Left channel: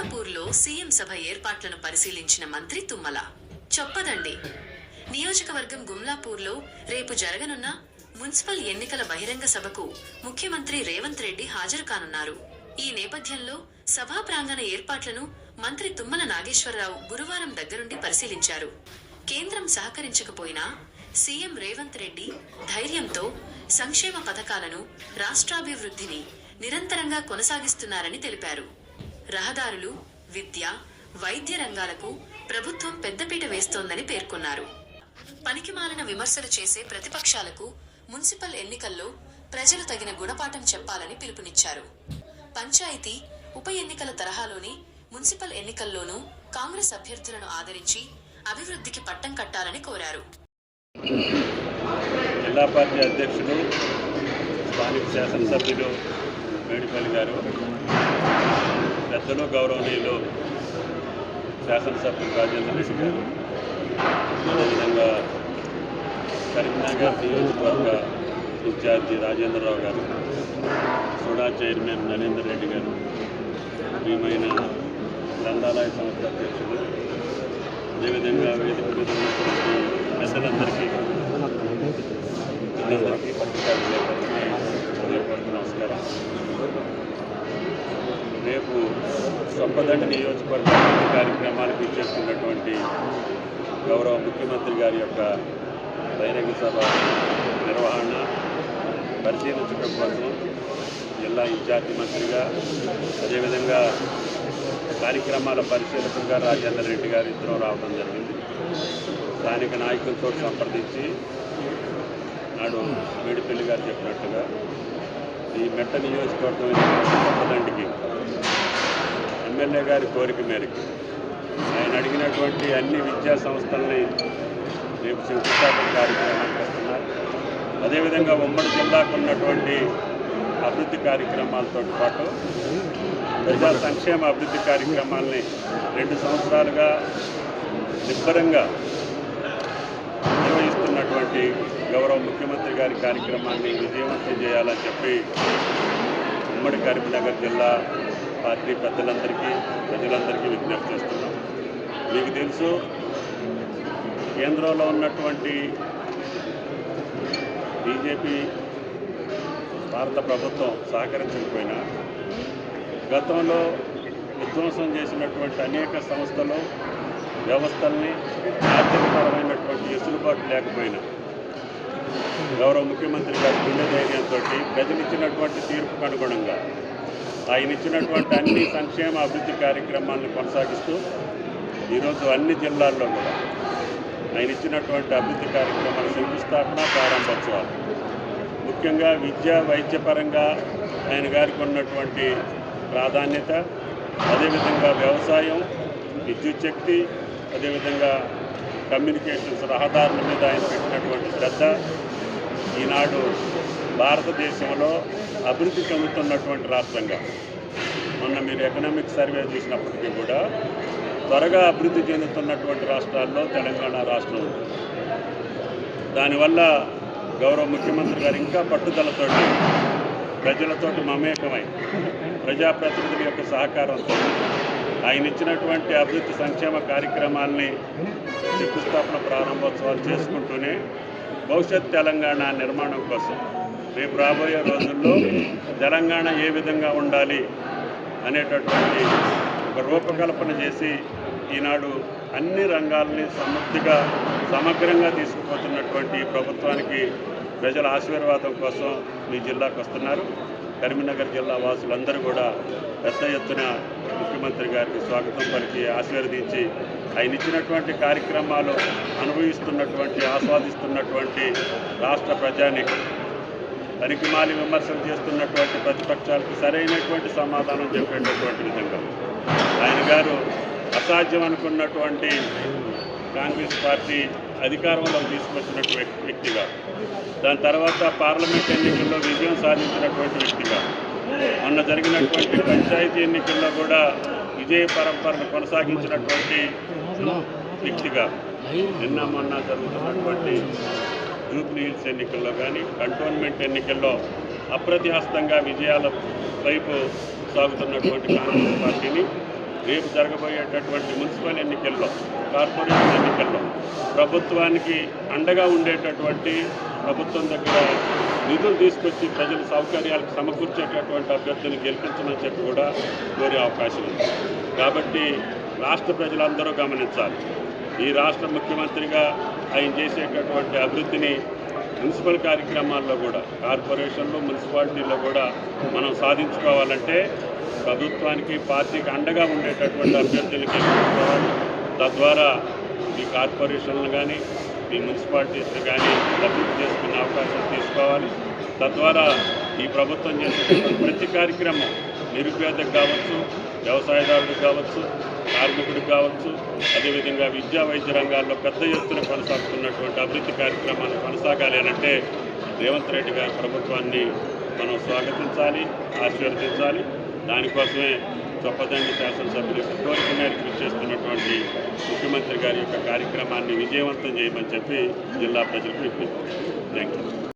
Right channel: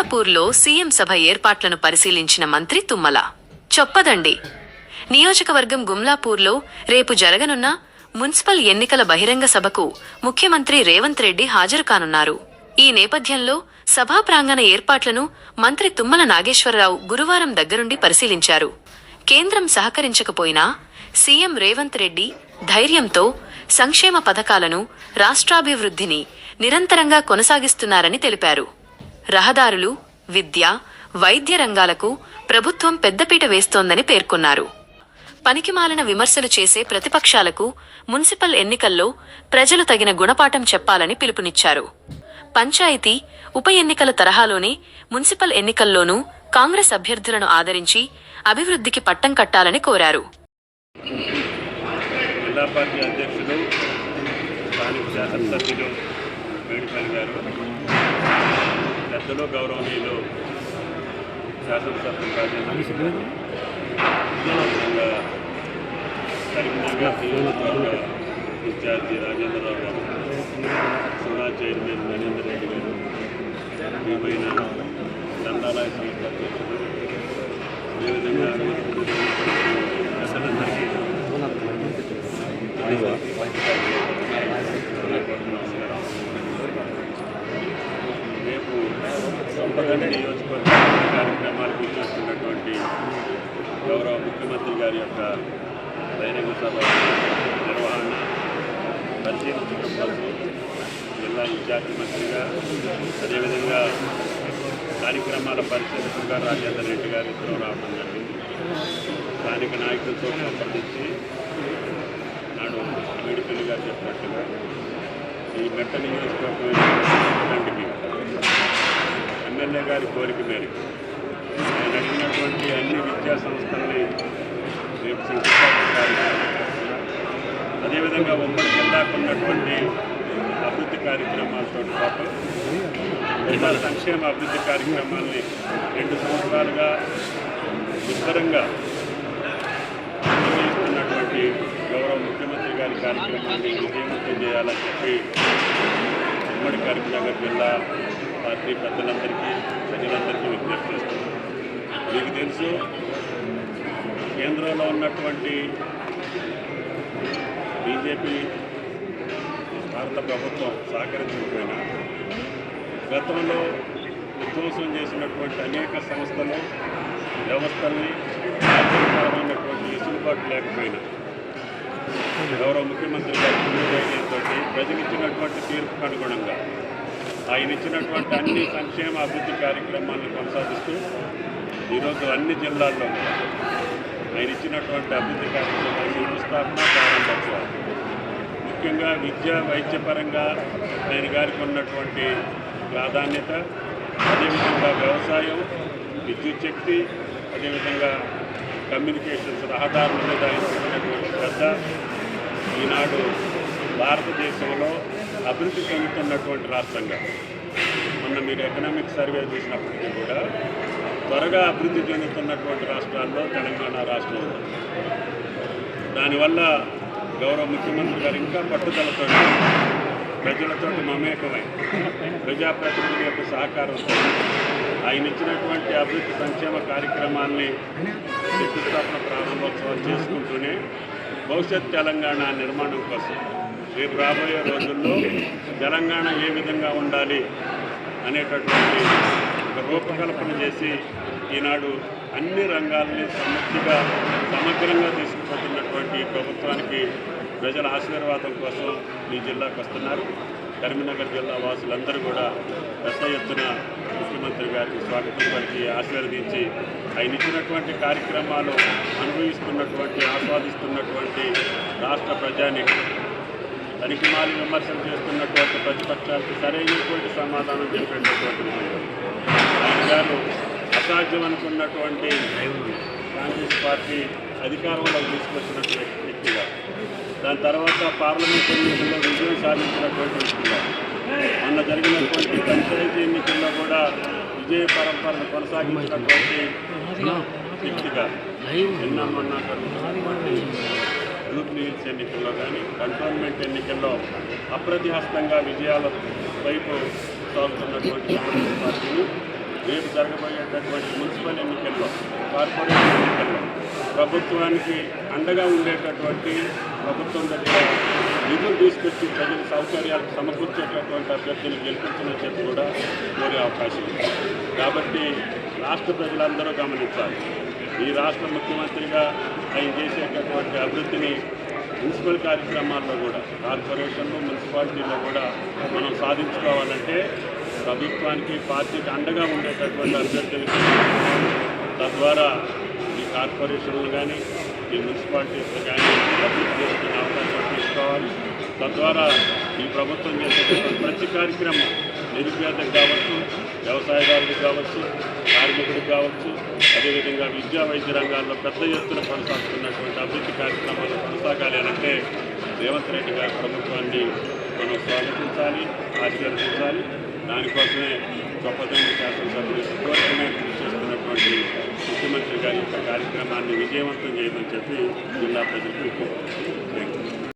గుమ్లాపూర్లో CM సభ ఏర్పాట్లను పరిశీలించిన మంత్రి తుమ్మల. చొప్పదండి నియోజకవర్గం గుమ్లాపూర్లో రేపు జరగనున్న మున్సిపల్ ఎన్నికల బహిరంగ సభకు ముఖ్యమంత్రి రేవంత్ రెడ్డి హాజరు కానున్నారు. ఈ నేపథ్యంలో సభా ప్రాంగణ ఏర్పాట్లను మంత్రి తుమ్మల నాగేశ్వరరావు గురువారం దగ్గరుండి పరిశీలించారు. కేంద్రం సహకరించకపోయినా సీఎం రేవంత్ రెడ్డి ధైర్యంతో సంక్షేమ పథకాలను, రాష్ట్రాభివృద్ధిని నిరంతరంగా కొనసాగిస్తున్నారని తెలిపారు. రహదారులు, విద్య, వైద్య రంగాలకు ప్రభుత్వం పెద్దపీట వేస్తోందని పేర్కొన్నారు. పనికిమాలిన విమర్శలు చేసే ప్రతిపక్షాలకు మున్సిపల్ ఎన్నికల్లో ప్రజలు తగిన గుణపాఠం చెప్పాలని పిలుపునిచ్చారు. పంచాయతీ, ఉప ఎన్నికల తరహాలోనే మున్సిపల్ ఎన్నికల్లోనూ కాంగ్రెస్ అభ్యర్థులను ఆదరించి అభివృద్ధికి పట్టం కట్టాలని కోరారు. జిల్లా పార్టీ అధ్యక్షులు, స్థానిక శాసనసభ్యులు మేడిపల్లి గారు, పెద్దలు గౌరవనీయులు శాసనసభ్యులు రాజేంద్ర రెడ్డి గారు, అదేవిధంగా కరీంనగర్ నియోజకవర్గ ఇన్ఛార్జి రాజేంద్రరావు గారు, సుడా చైర్మన్ నరేందర్ రెడ్డి గారు, ప్రియమైన గ్రంథాలయ సంస్థ అధ్యక్షులు, అదేవిధంగా వేదిక మీద పెద్దలందరికీ నమస్కారం. రేపు చొప్పదండి నియోజకవర్గ కార్యక్రమాలకు ఇచ్చేస్తున్నటువంటి గౌరవ ముఖ్యమంత్రి గారి యొక్క బహిరంగ సభ నిర్వహణ పరిశీలించడం కోసం జిల్లా ఇన్ఛార్జి మంత్రిగా, అదేవిధంగా కార్యక్రమాల పరిశీలకులుగా రాజేంద్ర రెడ్డి గారు ఇద్దరు రావడం జరిగింది. స్థానిక నాయకులతో సంప్రదించి నాడు మేడిపల్లి గారు చెప్పినట్టుగా ఈ మెట్ట నియోజకవర్గం చొప్పదండికి ఎమ్మెల్యే గారి కోరిక మేరకు ఆయన అడిగినటువంటి అన్ని విద్యా సంస్థల్ని రేపు శంకుస్థాపన కార్యక్రమాలు చేస్తున్నారు. అదేవిధంగా ఉమ్మడి జిల్లాకు ఉన్నటువంటి అభివృద్ధి కార్యక్రమాలతో పాటు ప్రజా సంక్షేమ అభివృద్ధి కార్యక్రమాలని 2 సంవత్సరాలుగా నిబ్బరంగా నిర్వహిస్తున్నటువంటి గౌరవ ముఖ్యమంత్రి గారి కార్యక్రమాన్ని విజయవంతం చేయాలని చెప్పి ఉమ్మడి కరీంనగర్ జిల్లా పార్టీ పెద్దలందరికీ, ప్రజలందరికీ విజ్ఞప్తి చేస్తున్నాం. మీకు తెలుసు, కేంద్రంలో ఉన్నటువంటి బీజేపీ భారత ప్రభుత్వం సహకరించకపోయినా గతంలో విధ్వంసం చేసినటువంటి అనేక సంస్థలు, వ్యవస్థల్ని ఆర్థికపరమైనటువంటి వెసులుబాటు లేకపోయినా గౌరవ ముఖ్యమంత్రి గారి ధైర్యంతో ప్రజలు ఇచ్చినటువంటి తీర్పుకు అనుగుణంగా ఆయన ఇచ్చినటువంటి అన్ని సంక్షేమ అభివృద్ధి కార్యక్రమాలను కొనసాగిస్తూ ఈరోజు అన్ని జిల్లాల్లో కూడా ఆయన ఇచ్చినటువంటి అభివృద్ధి కార్యక్రమాల శంకుస్థాపన, ప్రారంభోత్సవాలు, ముఖ్యంగా విద్య, వైద్యపరంగా ఆయన గారికి ఉన్నటువంటి ప్రాధాన్యత, అదేవిధంగా వ్యవసాయం, విద్యుత్ శక్తి, అదేవిధంగా కమ్యూనికేషన్స్, రహదారుల మీద ఆయన పెట్టినటువంటి శ్రద్ధ ఈనాడు భారతదేశంలో అభివృద్ధి చెందుతున్నటువంటి రాష్ట్రంగా, మొన్న మీరు ఎకనామిక్ సర్వే చేసినప్పటికీ కూడా త్వరగా అభివృద్ధి చెందుతున్నటువంటి రాష్ట్రాల్లో తెలంగాణ రాష్ట్రం ఉంది. దానివల్ల గౌరవ ముఖ్యమంత్రి గారు ఇంకా పట్టుదలతో ప్రజలతోటి మమేకమై ప్రజాప్రతినిధుల యొక్క సహకారంతో ఆయన ఇచ్చినటువంటి అభివృద్ధి సంక్షేమ కార్యక్రమాల్ని శంకుస్థాపన, ప్రారంభోత్సవాలు చేసుకుంటూనే భవిష్యత్ తెలంగాణ నిర్మాణం కోసం రేపు రాబోయే రోజుల్లో తెలంగాణ ఏ విధంగా ఉండాలి అనేటటువంటి ఒక రూపకల్పన చేసి ఈనాడు అన్ని రంగాల్ని సమగ్రంగా తీసుకుపోతున్నటువంటి ప్రభుత్వానికి ప్రజల ఆశీర్వాదం కోసం మీ జిల్లాకు వస్తున్నారు. కరీంనగర్ జిల్లా వాసులందరూ కూడా పెద్ద ఎత్తున ముఖ్యమంత్రి గారికి స్వాగతం పలికి ఆశీర్వదించి ఆయన ఇచ్చినటువంటి కార్యక్రమాలు అనుభవిస్తున్నటువంటి, ఆస్వాదిస్తున్నటువంటి రాష్ట్ర ప్రజానికి, పనికిమాలి విమర్శలు చేస్తున్నటువంటి ప్రతిపక్షాలకు సరైనటువంటి సమాధానం చెప్పేటటువంటి విధంగా ఆయన గారు అసాధ్యం అనుకున్నటువంటి కాంగ్రెస్ పార్టీ అధికారంలోకి తీసుకొచ్చినటువంటి వ్యక్తిగా, దాని తర్వాత పార్లమెంట్ ఎన్నికల్లో విజయం సాధించినటువంటి వ్యక్తిగా, మొన్న జరిగినటువంటి పంచాయతీ ఎన్నికల్లో కూడా విజయ పరంపరను కొనసాగించినటువంటి వ్యక్తిగా, నిన్న మొన్న జరుగుతున్నటువంటి జూబ్లీ హిల్స్ ఎన్నికల్లో కానీ, కంటోన్మెంట్ ఎన్నికల్లో అప్రతిహస్తంగా విజయాల వైపు సాగుతున్నటువంటి కాంగ్రెస్ పార్టీని రేపు జరగబోయేటటువంటి మున్సిపల్ ఎన్నికల్లో, కార్పొరేషన్ ఎన్నికల్లో ప్రభుత్వానికి అండగా ఉండేటటువంటి, ప్రభుత్వం దగ్గర నిధులు తీసుకొచ్చి ప్రజల సౌకర్యాలకు సమకూర్చేటటువంటి అభ్యర్థులు గెలిపించమని చెప్పి కూడా కోరే అవకాశం ఉంది. కాబట్టి రాష్ట్ర ప్రజలందరూ గమనించాలి. ఈ రాష్ట్ర ముఖ్యమంత్రిగా ఆయన చేసేటటువంటి అభివృద్ధిని మున్సిపల్ కార్యక్రమాల్లో కూడా, కార్పొరేషన్లు, మున్సిపాలిటీల్లో కూడా మనం సాధించుకోవాలంటే ప్రభుత్వానికి, పార్టీకి అండగా ఉండేటటువంటి అభ్యర్థులకి గెలుచుకోవాలి. తద్వారా ఈ కార్పొరేషన్లు కానీ, ఈ మున్సిపాలిటీస్ కానీ అభివృద్ధి చేసుకునే అవకాశం తీసుకోవాలి. తద్వారా ఈ ప్రభుత్వం చేసేటటువంటి ప్రతి కార్యక్రమం నిరుపేదకు కావచ్చు, వ్యవసాయదారులకు కావచ్చు, కార్మికుడికి కావచ్చు, అదేవిధంగా విద్యా వైద్య రంగాల్లో పెద్ద ఎత్తున కొనసాగుతున్నటువంటి అభివృద్ధి కార్యక్రమాలు కొనసాగాలి అంటే రేవంత్ రెడ్డి గారి ప్రభుత్వాన్ని మనం స్వాగతించాలి, ఆశీర్వదించాలి. దానికోసమే గొప్పదండి శాసనసభ్యులు కోరిక మేరకు కృషి చేస్తున్నటువంటి ముఖ్యమంత్రి గారి యొక్క కార్యక్రమాన్ని విజయవంతం చేయమని చెప్పి జిల్లా ప్రజలకు విజ్ఞప్తి. Thank you.